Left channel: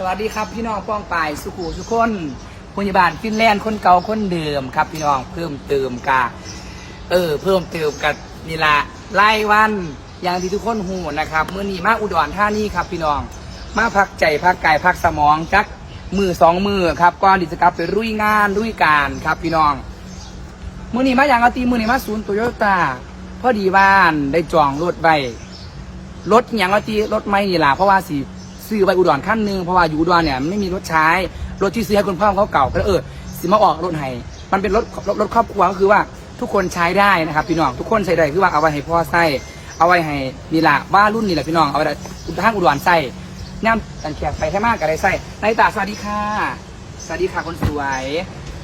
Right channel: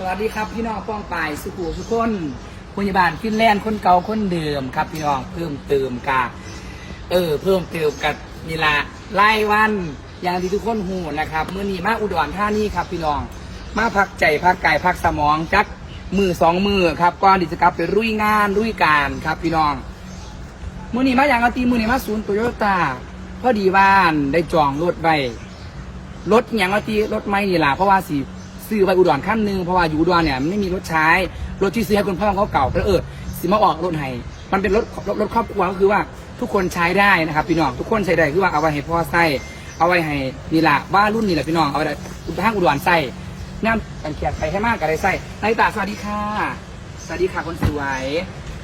สวัสดีครับพี่น้องป้องปายสุขุสุขคนพยาบาลฟินแลนด์คนเก่าคนเดิมครับ พี่น้องเพิ่มเติมกาเออ เพิ่มเติมกับนีละไล่วันอย่างที่ทุกคนหูนะครับเมื่อนี้มาอุดรท่านี่ครับ พี่น้อง มาพักใจพักกายพักสมองจักมือสองมือครับก่อนที่จะกลับไปรุยงานรุยการครับ พี่น้องเมื่อนี้มาอย่างอาตีมื่อนี้มาศูนย์โตโยต้าพอดีบ้านได้จองรถไว้รถอย่างอาตีรถไม่นี่ล่ะเพราะว่าสิ ซื้อไปอุดรขั้นหนึ่งเพราะว่าอยู่อุดรเนี่ยไม่มีรถใช้ รถที่ซื้อให้คุณพ่อเขาเก่าก็เลยเออสิมาออกรถให้มันเป็นรถรถรถครอบครัวก็คือว่าทุกคนใช้ได้นะครับพี่น้องทุกคนใช้ได้คือว่าเอาไว้ให้พ่อใส่เอาไว้ให้นี่ล่ะว่ารุ่นนี่แหละพี่น้องเอาไว้ห้างอุดรใส่น้ำกันแขกไปให้มากกันเลยใส่นายตาสวัสดีค่ะ สวัสดีค่ะคนสวย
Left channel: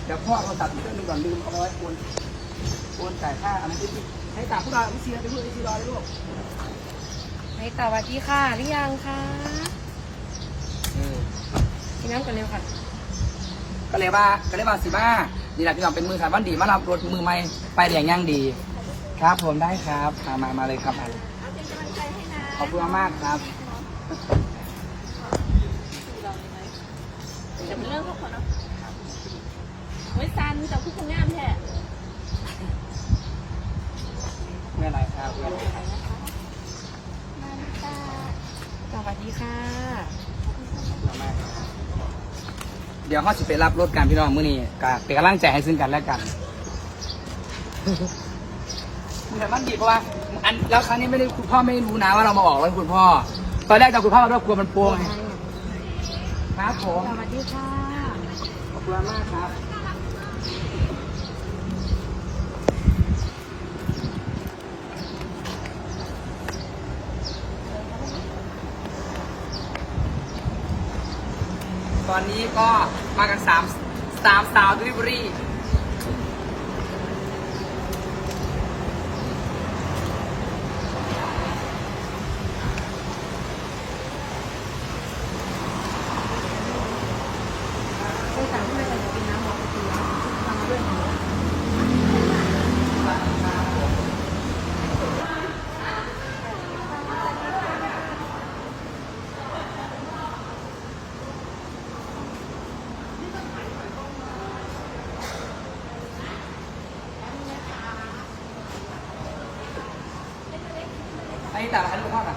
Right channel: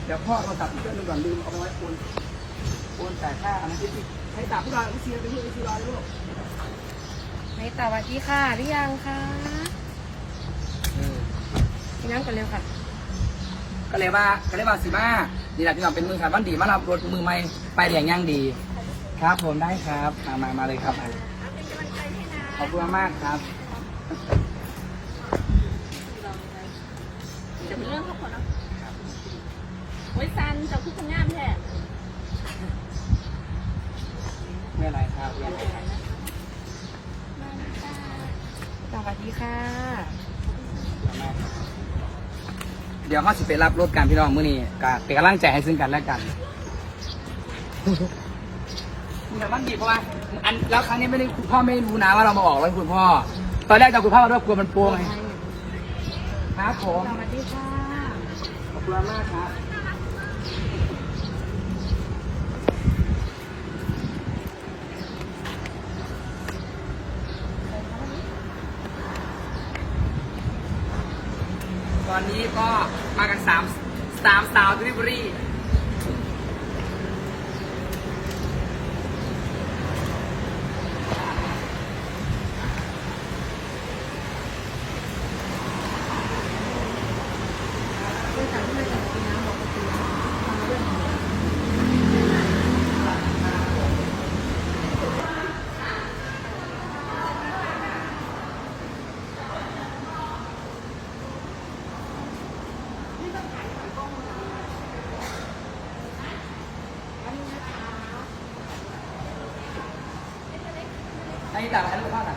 เดี๋ยวพ่อเราตัดอีกเครื่องหนึงก่อนลืมเอาไว้โอนโอนจ่ายค่าอันนั้นที่ให้ตามพวกเราวิเชียไปที่วิเชียรเลยลูกในสวัสดีค่ะหรือยังคะ กินน้ำกันเร็วค่ะ ก็เลยว่าก็เลยว่าสิมานี่แหละพี่น้องเป็นมือสามวันดีมารับรถมือใหม่ไปเหลียงย่างดี ครับผมได้ครับมามามาเลยครับมาเลยขอบคุณมากครับจะเป็นเรื่องครอบครัวเนาะไว้ซันกับพี่คนงามแท้ไม่อะไรครับไม่อะไรครับสวัสดีค่ะ เดี๋ยวเขาสิไปรับรถกันพี่น้องมื้อนี้ก็เป็นกำลังใจให้ซึ่งกันและกันมันแบบมันดีเพราะว่าอันแล้วครั้งนี้ไม่ได้คุณพ่อไม่รู้นะว่าเรามาออกรถคุณพ่อ ตอนแรกจะคุณพ่อมาด้วยกลัวมันโปงไงครับผมสวัสดีค่ะขอบคุณมากครับ อนนี้ก็มากันสามสามสาวดลิเวอรี่ ในสั่งที่มันเป็นกินน้ำบอกก็คือทำมาด้วยมือ อันนี้ ต่างกันลูกพ่อน่ะ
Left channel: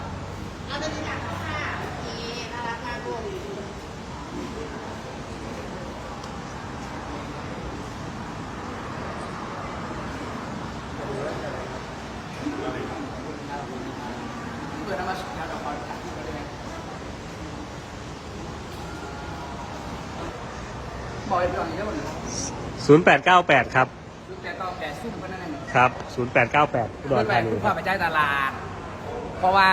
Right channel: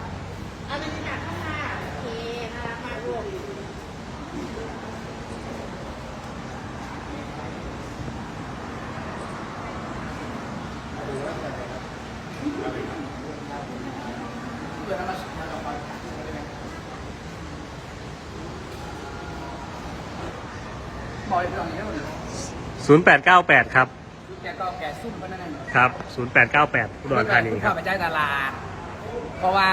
เพื่อนเอามามากับความขัดที่เขาได้ไหมบอกอีกหน่อยได้ไหม0898ครับลูกแต่ก็แก่ซุ่มเพราะนั่นเองครับ0898อุดรธานีคุณคเข้ารับไปจ่ายตลาด เพราะว่า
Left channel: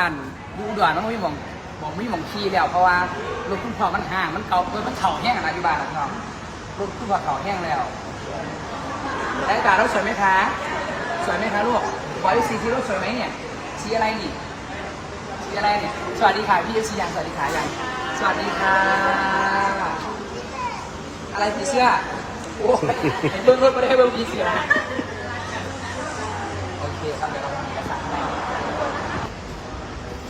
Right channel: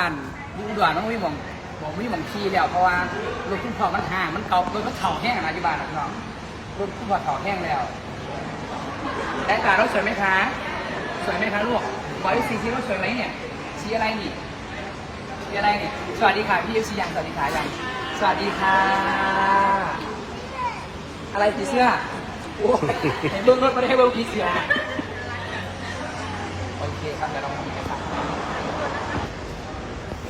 ดูอุดรมันไม่มองบอกไม่มองขี่แล้ว เพราะว่ารถคุณพ่อมันห่างมันเก่ารถมันเข่าแห้งนะอยู่บ้านหลังน้องรถคุณพ่อเข่าแห้งแล้วแต่ตาเราสวยไหมคะสวยไหมคะลูกบอยซีทีรถสวยไหมเนี่ยชี้อะไรนี่ชี้อะไรเนี่ยสวัสดีค่ะพี่เอฟซียังสวัสดีค่ะยังสวัสดีค่ะอะไรผีเสื้อโอ้ยเบิ้งเบิ้งไม่ได้เบิ้งผีเสื้อโอเคครับเดี๋ยวเราทำเอกสารให้ส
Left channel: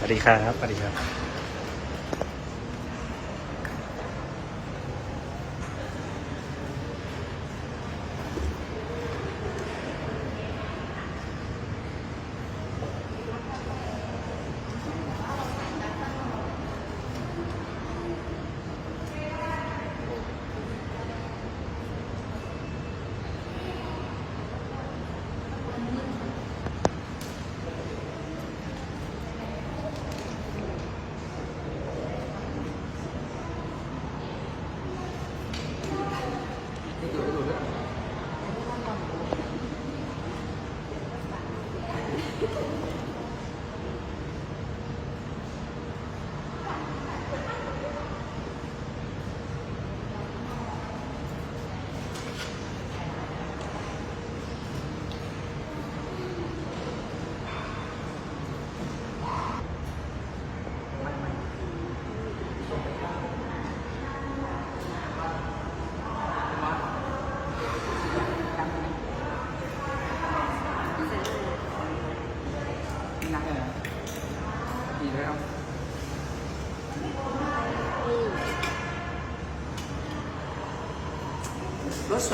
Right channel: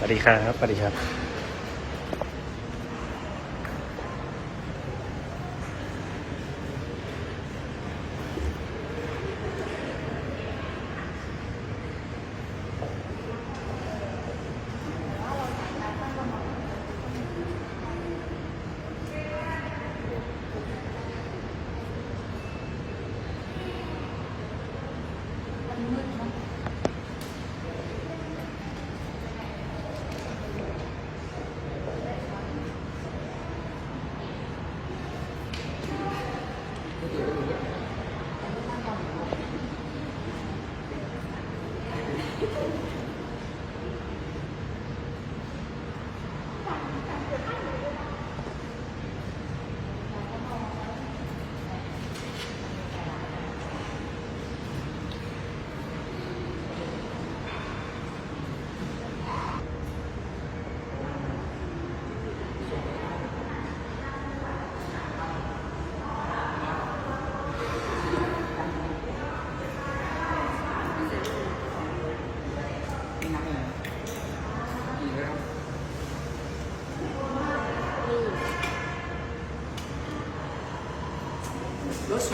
วัสดีครับสวัสดีครับ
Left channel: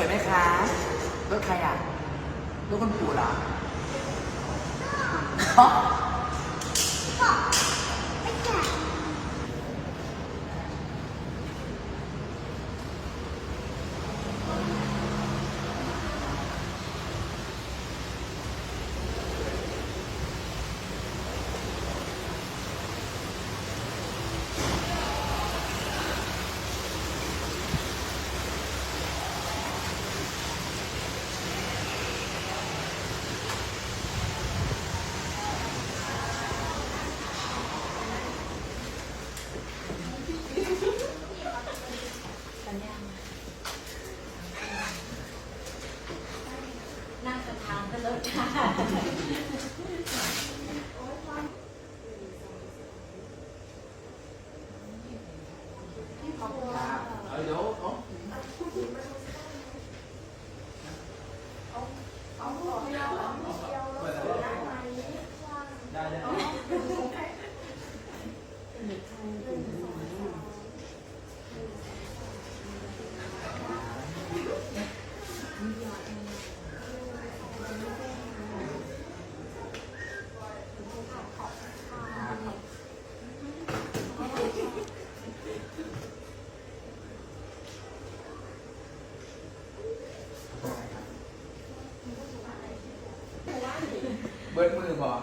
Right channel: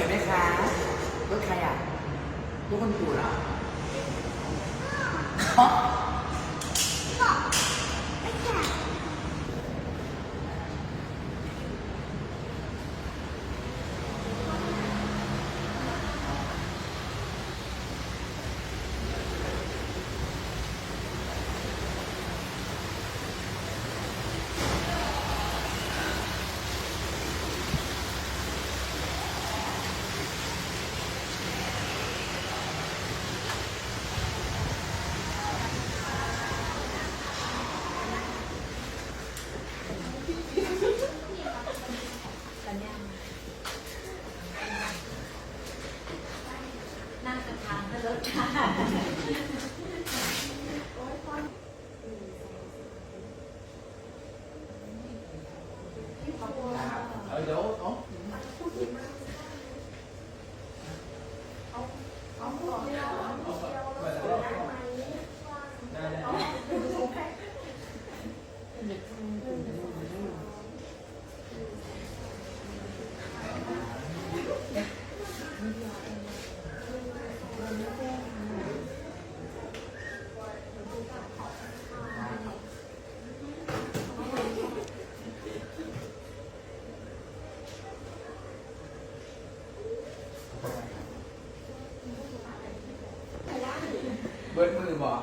วยไหมคะรถใครอะรถคนปู่เหรอ นั่งกระทางก็เลิกค่ะ เออเดี๋ยวเอาเบิดมือบอก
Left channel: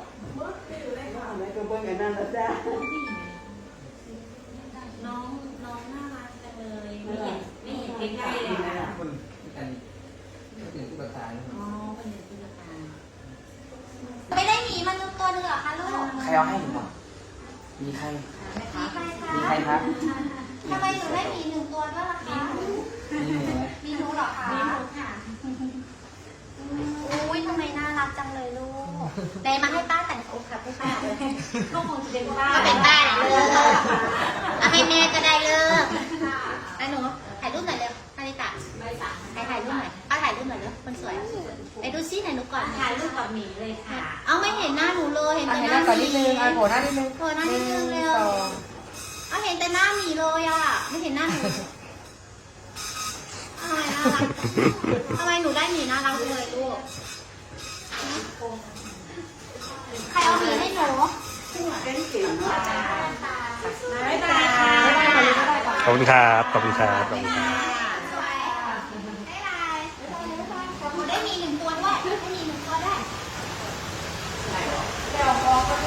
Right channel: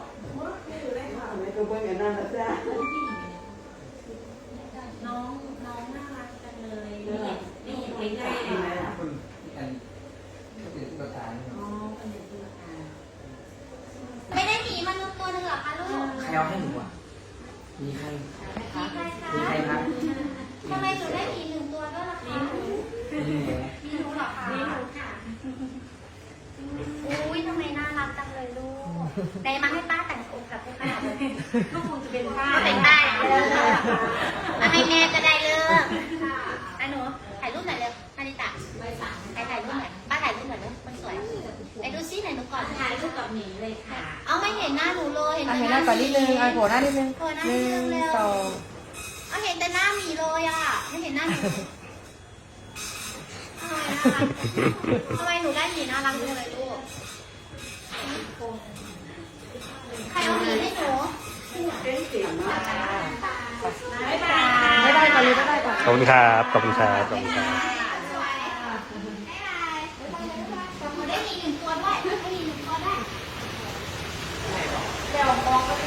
ก็เบิ่งอันนั้นนะจ๊ะน้องน้องน่ารักจังเลยนี่นี่ใกล้ๆเลยคุณกันก็ถึงที่ประธานอ๋อเป็นอย่างที่ราคาไม่ได้หมีมันตัวหนึงเหรอคะลูกใครเอาให้หนูอะมีใคร มีใครครับทำไมหนูได้หมีหนึ่งตัวด้วยล่ะคะ มีหนู ก็คงจะเป็นป้าก็เป็นป้าเลย เอาให้แม่ก็ได้เลิกไอ้หนูถ่ายรูปหน่อยเลยนาริตะถ่ายถ่ายรูปหน่อยป้าถ่ายรูปหน่อยเลยคนสวยไอ้ดูซิไหนหนูก่อนถ่ายรูปกับหมีเลยค่ะ เอาไม่เห็นหน้าหนูเลย เห็นแต่หน้าหก่อนมีนิดนึงอะโผล่หน้านิดนึงหัวหน้านิดนึงเร็วเอาเห็นแต่หน้าหมีเลยอะ ไม่เห็นหน้าหนูทำไมน่ารักทำไมหนูได้หมีน่ารักเลยลูก เป็นเสียงเนาะไม่ตาขอบคุณครับ ขอบคุณครับ ขอบคุณครับบ๊ายบายหนูได้หมีหนึ่งตัวด้วยได้หมีหนึ่งตัวด้วยเ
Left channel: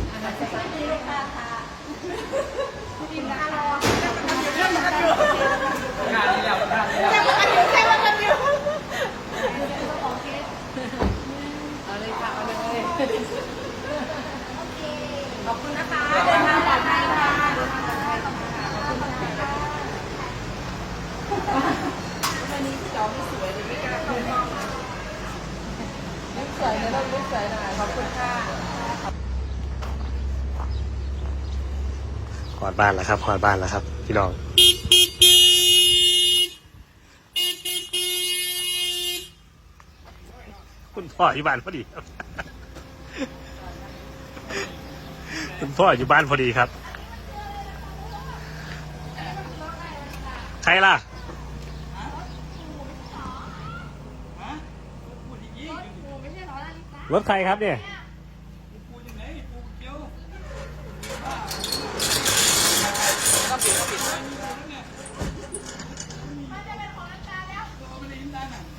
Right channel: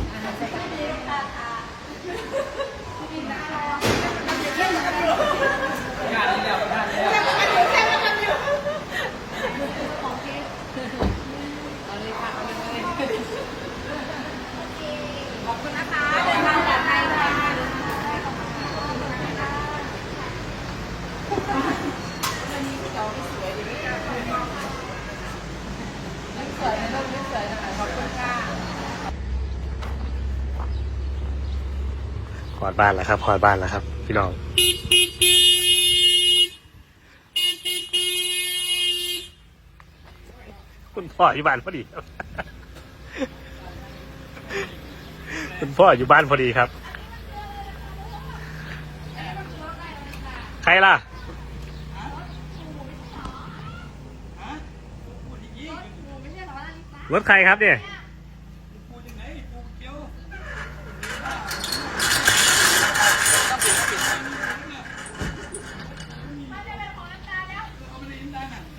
นนี้แล้ว ข อดบ้านแล้วครับขอดบ้านแล้วครับ พี่น้องคุณพ่ออยู่บ้านพอดีครับ คุณพ่ออยู่บ้านพอดีครับ ใครล่ะรถใครครับเนี่ย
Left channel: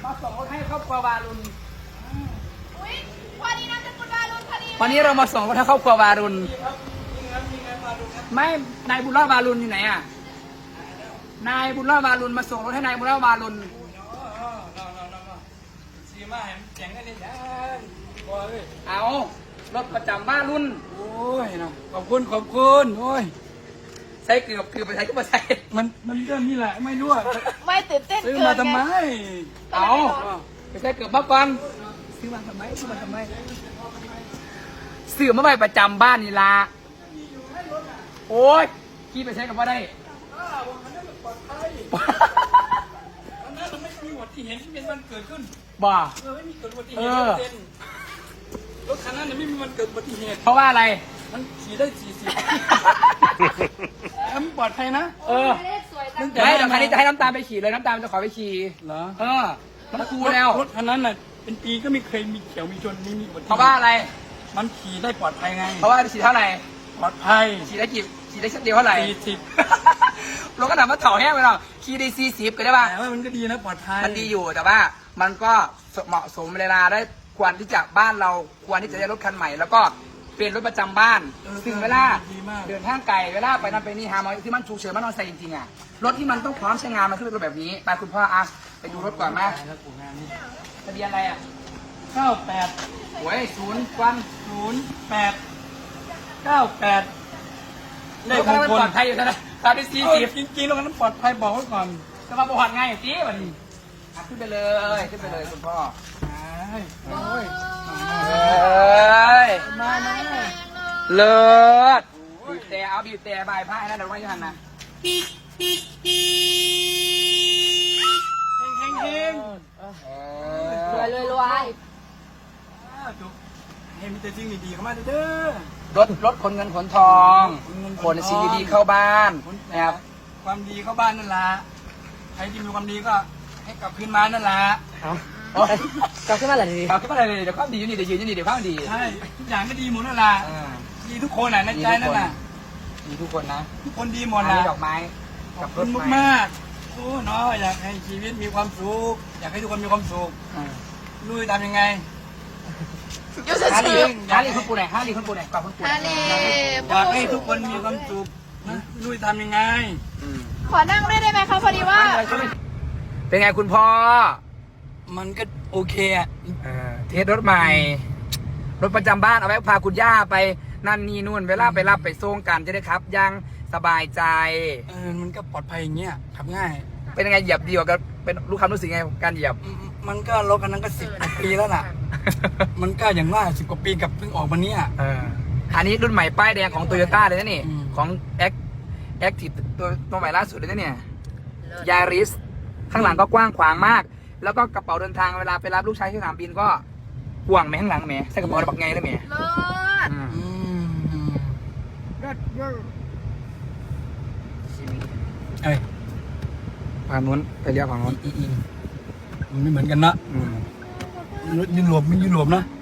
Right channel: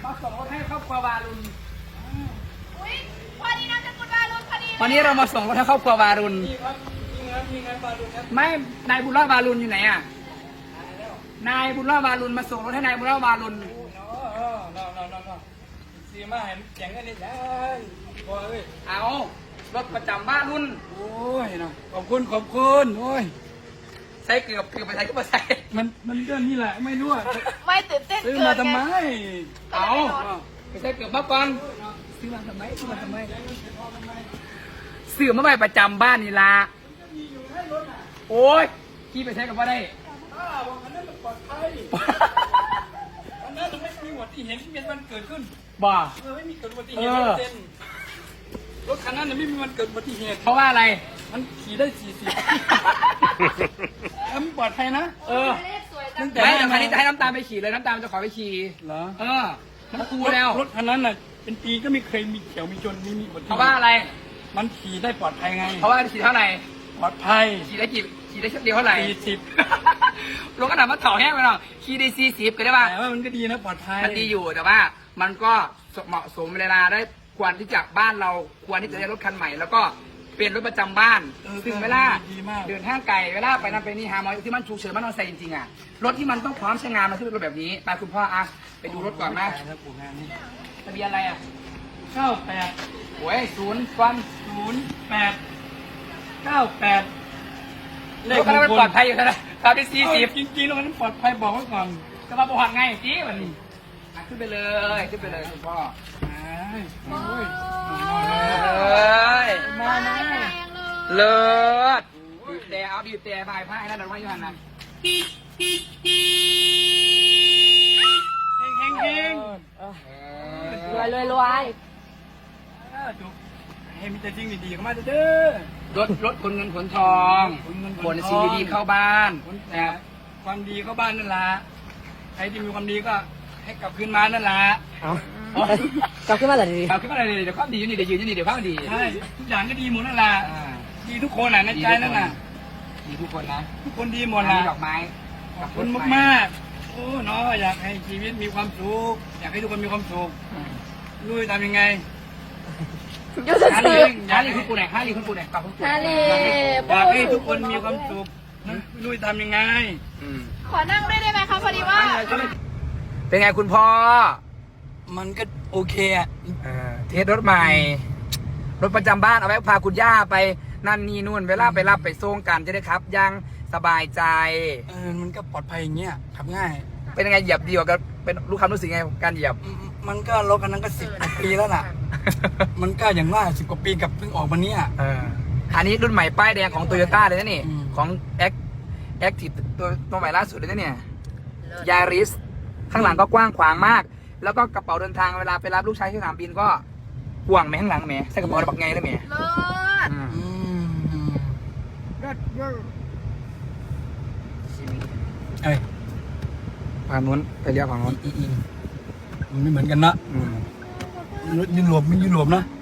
มาส่งรถให้ค รอบครัววารุณวันนี้เรามาส่งรถให้ครอบครัววารุณไม่นายบุญรอดวารุณอยู่ไหนอะนายบุญรอดวารุณมาส่งรถให้นายบุญรอดวารุณเอารถประจำบ้านรุ่นโอ้ยเนาะขอบคุณขอบคุณโอ้ยใช้เกือบเกือบไปใช้ก็มาใช้มันมันก็นี่แหละไม่รู้อะไม่ตื่นเต้นซื้อมาทำไมเอา ไปใช้เกือบมาฟังซื้อมาทำไมซื้อมาทำไมซื้อมาไว้ประจำบ้านนี่ละโอ้ยขี่ไปใช้กับว่าได้วันนั้นไม่มีอุบัติเหตุที่เป็นวันเกิดขึ้นบ่าเออไม่มีเกิดอุบัติเหเอตุอเต้นรถคันนั้นเนี่ยไม่มีวันเกิดอุบัติเหตุเพราะว่าอะไร มันขี่ได้สี่สิบแล้วมันปลอดภัยนะ เออตั้งแต่แต่ให้ได้ทำไมมานี่จะให้น้ำตาลไปขี่เลยน้ำตาลจะขอไปขี่เหรอ เออ มันคูแล้วรถคันนั้นน่ะ เป็นปีก็ไม่เคยมีเขียวมีจนมีมีอุบัติเหเพราะตุว่าอะไร มันขี่ได้ปลอดภัยไง เพราะว่าขี่เท่าไหร่ปลอดภัยขี่ได้กี่ขี่ได้เช่นเดียวเท่าไหร่สี่สิบรถกระดาษมาเถาแห้งไปหรอขี่ได้สี่สิบก็ได้ป่ะแต่ว่ามันก็ดีนะปลอดภัยมันดีอยู่แต่ว่า มันก็เหมาะสมเวลาได้ควรที่จะบ้านเราควรที่จะได้รถคันใหม่แล้วก็เป็นรถประจำบ้านเออซึ่งเวลาดีมากเดินทางไกลเวลาไปนั่นไปนี่หาหมอที่มันฉุกเฉินมันนอนใส่จริงๆอะรถที่มันต้องพร้อมใช้งานมันคือรถแบบนี้ไปคุณพ่ออะ ไปดูรถก่อนมาครับปู่งานนี้ทะเบียนอะไรอะเก้าแปดโอ้ยศูนย์ควันศูนย์แปดเก้าแปดเลรขถมก็งไม่คลปลอดภัยอยู่นะตอนที่สี่สิบจริงๆแล้วนั้นปลอดภัยบอกไว้ก่อน จะมาประวัติไงจี้วันนี้อะขึ้นไปเลยขึ้นไปเลยคุณพ่อโอ้ยเอ้ยมาเลยเลิศบีบแต่เอาบีบแต่บายผ้าให้นั่นเดี๋ยวไว้อยังนะเฮงเฮงเฮงรวยเลยรวยจุกเฮงมีแต่จริงดีๆเข้ามาเด้อรถรถขนเงินขนทองขนเงินขนทของนซีดีเข้าบ้านคนนะครับความดีเข้าบ้านนั่นละใครที่มีความดีก็ให้กลับคืนมานั่นละกลับขึ้นมาเลยดีกลับขึ้นมาเลยเดี๋ยวความดีอยู่นี่เดี๋ยวยืนอยู่นี่เดี๋ยวความดีใช่ทุกอย่างก็ดีหมดนั่นละอ่าดีทุกคนอะในใจนั่นน่ะมีทุกคนนะทุกคนดีหมอัดนละนี้ดอกไม้ขกัอบบรคุถณไฟมากๆ โอ้เนาะอยากให้ชีวิตมีความสุข อยากให้ทุกคนมีความสุขอืมรู้จะทำยังไงฮาร์ลีฮาร์ลีคุณปู่ไหนฮาร์ลีคุณปู่ไหนกลับคุณปู่ไหนอยากให้ทุกคนมีความสุขนะไม่รู้จะทำยังไงอืมขอนั่งด้วยได้ไหมคะพอดีว่า เป็นไงคุณพ่อ มันก็โอเคอะอ่าเทสรถใหม่ รถประจำบ้านเอาไว้พาคุณย่าไปนั่นนี่นู่นเวลาไปรับไปส่งกันจะได้ครับยัง สบายใจ เออมันก็ปลอดภัยอย่างเงี้ยขับง่าย เป็นยังไงเหยียบดีกว่ากันเป็นรู้ความรู้สึกไงกับการเหยียบอืมมันก็รถคันนั้นก็สิบกว่าปีแล้วน่ะ มันก็อย่างว่าสิบกว่าปีกับเพิ่งออกมาเนี้ยเอออันนี้รุ่นใหม่ป้ายแดงของโตโยต้าเลยนะนี่ อืม ของแอคแอคทีฟตัวตัวใหม่ล่าสุดเลยนะเนี่ยยาริสข้างหลังก็กว้างขวางมาก แล้วก็กระเป๋าเดินทางเวลาไปรับลูกชายที่สนามบินก็กว้างไหมข้างหลังไหมใส่กระเป๋าแบบไงได้ไหมเลิศอืม อืมเอ้ ยฝั่งนู้นไปเรียกฝั่งนู้นอืมอืมมันไม่เหมือนกันนะอืมรถยุโรปไม่ยุโรปนะอ